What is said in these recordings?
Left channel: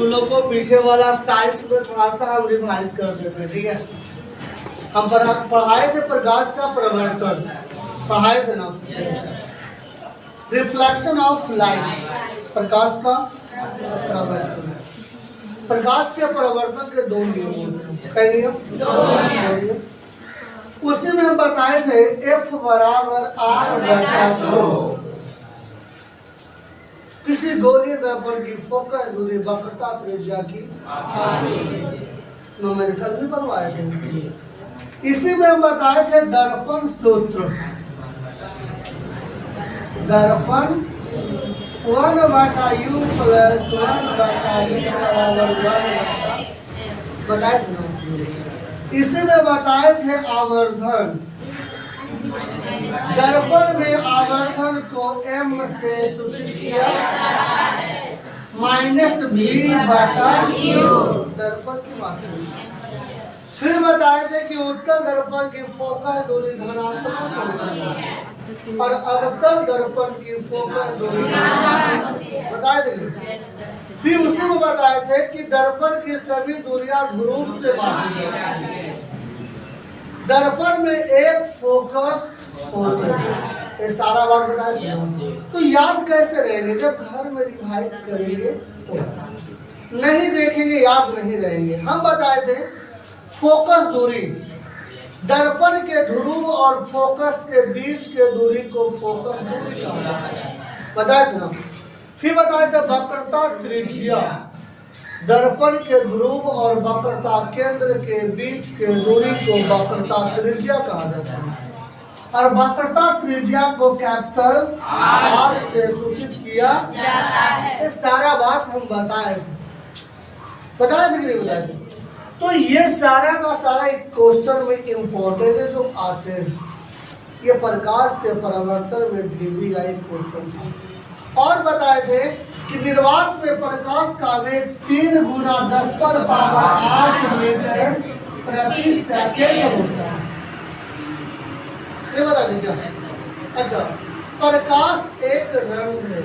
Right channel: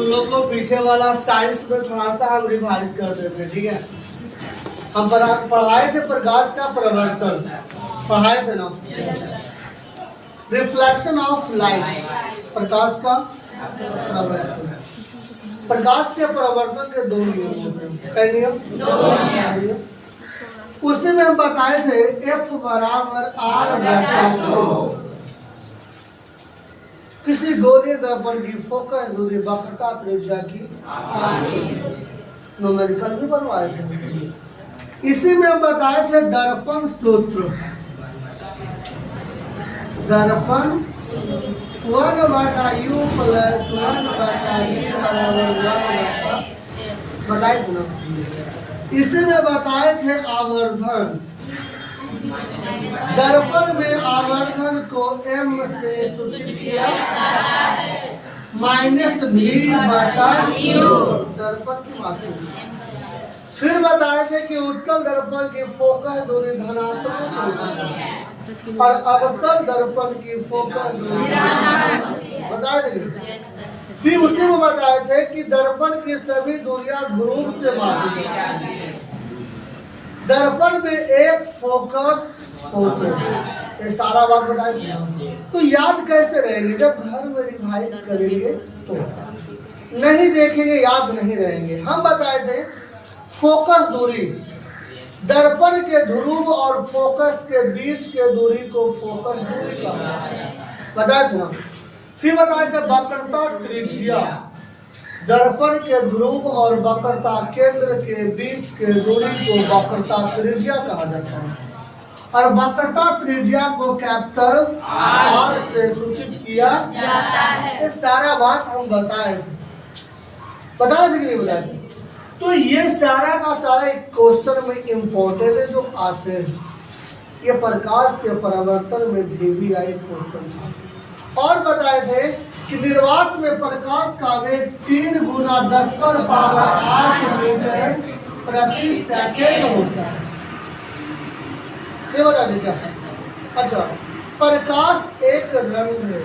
तुम लोग को पीछे वाला साइंस में थोड़ा सा हम रिवाइज कर देते हैं, ठीक है। हम पढ़ाए थे प्रकाश का प्रवर्तन, पढ़ाए थे ना, रिफ्लेक्शन ऑफ लाइट, प्रकाश का प्रवर्तन। प्रकाश के प्रवर्तन के दो नियम होते हैं, कई नियम। उसी में हम बताए थे F बराबर R/2। किसी गोलीय दर्पण की फोकस दूरी वक्रता त्रिज्या की न्यूमेरिकल भी बनवाए थे। इसी में हम बताए थे दर्पण सूत्र, दर्पण 1/u + 1/v बराबर 1 बताए थे ना। इसी में बताए थे आवर्धन, दर्पण में आवर्धन को m से सूचित किया -v/u दर्पण की मात्रा। फिर बताए थे कि उत्तल दर्पण की फोकस दूरी धनात्मक होती है और अवतल दर्पण की फोकस दूरी बताए थे। फिर उसी में बताए थे कि दर्पण की सभी दूरियां ध्रुव से मापी जाती है। दर्पण में एक फोकस होता है, ये सारा बात बताया। तो याद कैसे रहेंगे? जब घर में रिवाइज करेंगे तो, नहीं देखेंगे याद नहीं रहेंगे। हम बताए थे फोकस दूरी, दर्पण के ध्रुव और फोकस के बीच के दूरी को फोकस दूरी कहा बताया था। फिर बताए थे वक्रता त्रिज्या, दर्पण के ध्रुव और वक्रता केंद्र के बीच के दूरी को वक्रता त्रिज्या कहा जाता है और वक्रता त्रिज्या को कैपिटल R से सूचित किया जाता है। ये सारा बात हम बताए थे, बताए थे कि नहीं बताए थे? तो ये सारा का सारा एक क्वेश्चन में इम्पोर्टेंट है जो आते हैं। ये प्रकाश के परावर्तन में भी आए क्वेश्चन था। और बताए थे कि निर्वात में प्रकाश का वेग 3 × 10⁻8 मीटर प्रति सेकेंड होता है। ये बता दें क्या? अच्छा, प्रकाश एक रंग है,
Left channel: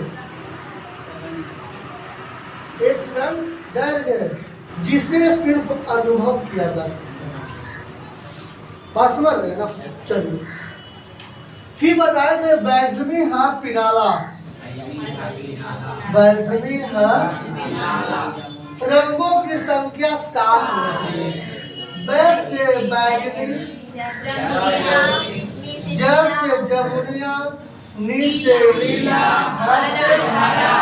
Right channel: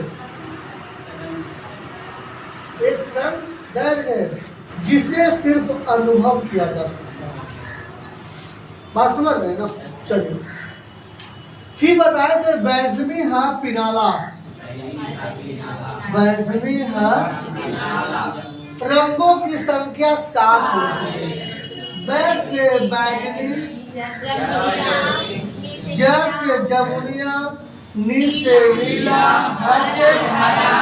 एक रंग दैर्घ्य है जिसे सिर्फ अनुभव किया जा सकता है। बात समझ रहे हैं ना? चलिए, फिर बताए थे बैजनी है पिनाला, बैजनी है रंगों की संख्या 7 होती है। बै से बैगनी, ज से जमुनिया, नी से नीला, ध से हरा।